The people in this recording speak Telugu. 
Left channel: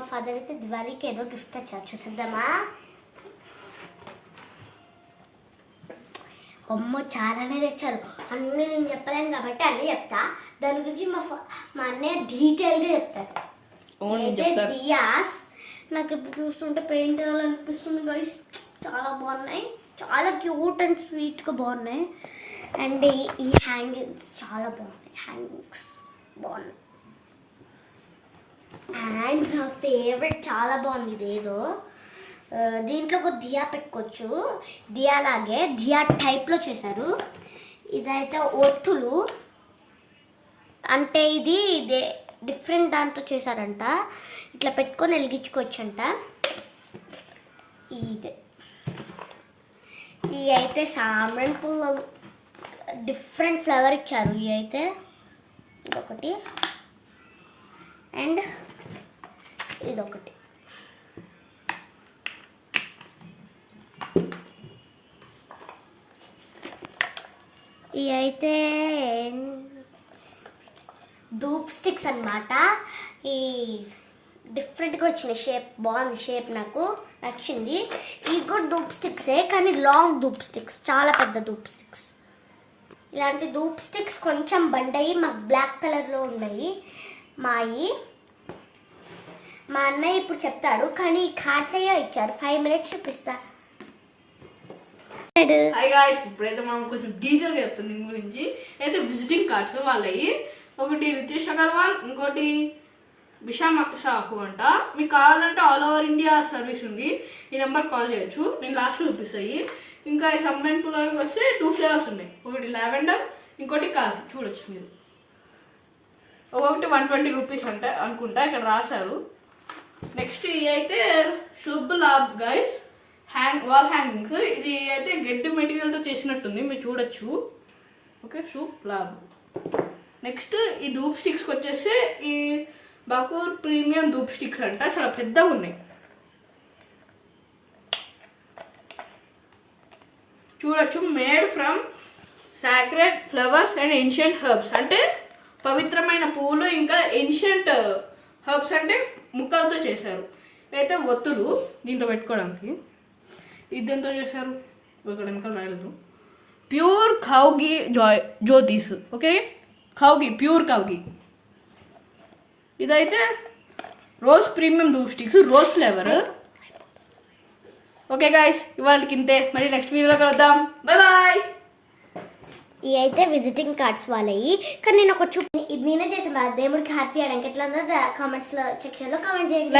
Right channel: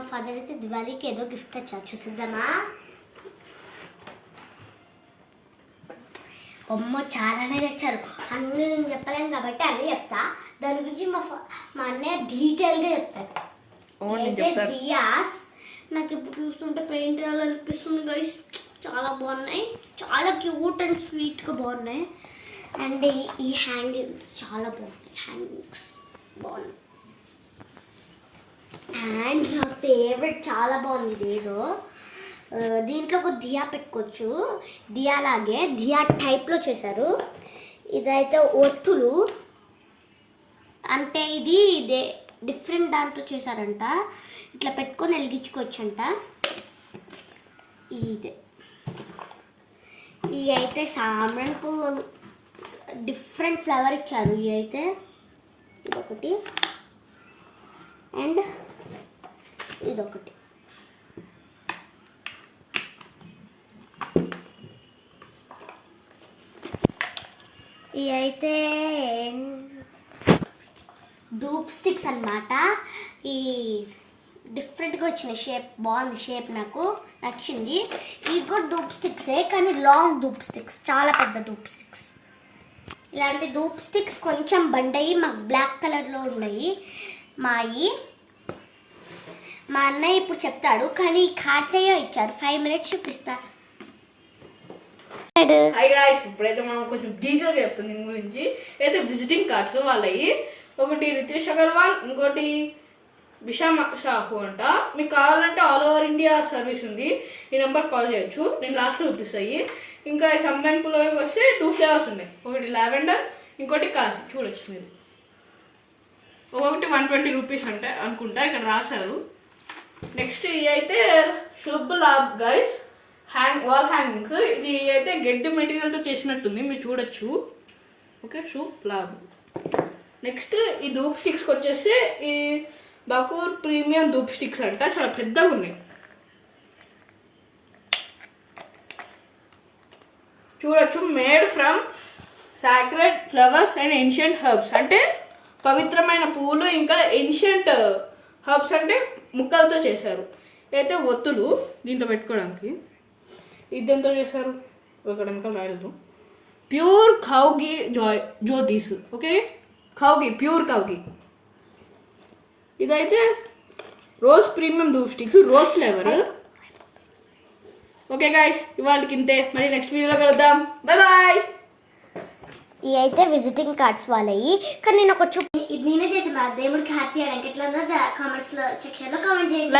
మా ఫాదర్ అయితే దివాళీకి ఏదో గిఫ్ట్ తెచ్చారు, చూసిద్దామా? అమ్మ చాలానే తెచ్చారు, అన్నీ నేను చెప్పలేను కాబట్టి అన్నీ చెప్తా. దాని గురించి మా అన్నయ్య డీటెయిల్గా చెప్తారు. అయితే దియాస్ నాకు ఇప్పుడు చూస్తుంటే పెయింట్ వేయాలనిపిస్తుంది గైస్. చాలా బాగున్నాయి, చాలా క్యూట్ అండ్ స్వీట్గా బాగున్నాయి. అండ్ ఈ హ్యాంగింగ్స్ చాలా బాగున్నాయి, హ్యాంగింగ్స్ బాగున్నాయి. అండ్ నా ఫేవరెట్ చాలా బాగుంది ఇదేదో, దీంట్లో ఒక దియా పెట్టుకోవచ్చు, దియా లాగే దియా టైప్లో చేశారు. ఇదైతే ఒత్తులు అంటే ఇదే డిఫరెంట్ దాంతో చేశారంట, ఇట్లా పెట్టుకొని వెలిగించుకోవచ్చు అంట. ఇదే ఇవి అయితే సాంబ్రాణి పువ్వు డిఫరెంట్ ఫ్లేవర్ ఇచ్చారు. ఇవి అయితే ఇదొకటి అండ్ ఇదొకటి. ఇవి అయితే ధూప్ స్టిక్స్ అన్నమాట. ఈ డిఫరెంట్గా వచ్చిన షేప్ బాగుంది, షేప్ నాకు నచ్చింది. ఇవి కూడా ధూప్ స్టిక్సే కానీ లాంగ్ ధూప్ స్టిక్స్, చాలా పెద్ద ధూప్ స్టిక్స్. ఇలాంటి ధూప్ స్టిక్స్ కొంచెం బండయి మాకు బ్లాక్ కలర్లో ఉన్నాయి మాయి. మా అన్నయ్య ఇప్పుడు చెప్తాడు కానీ కార్డ్స్ అయ్యే ఇచ్చారు. 5 minutes చూపిస్తా. హాయ్ గాయ్స్, ఇప్పుడైతే మనం కొంచెం డీటెయిల్గా చెప్తాం దీని గురించి. అయితే విజిటింగ్ కార్డ్స్ వాళ్ళవి, ఒకటి రితేష్ అగర్వాల్, ఇంకోటి బిషామ్ షాహు అంట. మీకు కావాలంటే ఆల్ ఓవర్ ఇండియా సర్వీస్ ఉంది, ఈ నెంబర్ కాల్ చేయొచ్చు, నేను లాస్ట్లో చూపిస్తాయి. ఇంకా ఈ సంబెన్ పుల్లకి వస్తే 2 ఫ్లేవర్స్ ఉన్నాయి, ఒకటి లావెండర్, ఇంకోటి కాసి. చూడొచ్చు మీరు, ఒక్కొక్కటి 120 రూపీస్ అంటే అనుకుంటా, ఇక్కడ రాశారు. నెక్స్ట్ ఇది అయితే Shubh Labh guys wall hangings. ఇది అయితే గెడ్డి మెటీరియల్తో చేసినట్టుంది, మీరు చూడొచ్చు. ఓకే, శుభ్ లాభ్. నెక్స్ట్ ఈ ధూప్ స్టిక్స్కి వచ్చేసి ఈ బకూర్ ప్రీమియం ధూప్ స్టిక్స్ అంట, చాలా పెద్దగా ఉన్నాయి. చూడొచ్చు, made from sacred flowers and ancient herbs, అంటే పవిత్రమైన పువ్వులు ఇంకా ఏన్షియంట్ హర్బ్స్ అంటే ముక్కలతో చేశారు. అయితే ఒత్తులు దీంట్లో పెట్టుకోవడానికి. ఇది దేంతో చేశారు ఇక్కడ వెనకాల రాయలేదు. ప్యూర్ ఖౌగి జ్యోతిస్. ఓకే, ఖౌగి, ప్యూర్ ఖౌగి. ఇదైతే rose premium dhoop sticks, rose flavour. Okay guys, ఇవాళకి ఇంతే, మరి నెక్స్ట్ వీడియోలో కలుద్దాం. Bye bye. ఇవి అయితే విజిటింగ్ కార్డ్స్ వాళ్ళవి, కానీ నేను ఒక ఇది నేనే చేసిన దేవుడికి హ్యాపీ అయ్యాక ఎట్లా కామెంట్స్లో సెక్షన్లో కామెంట్ చేయండి.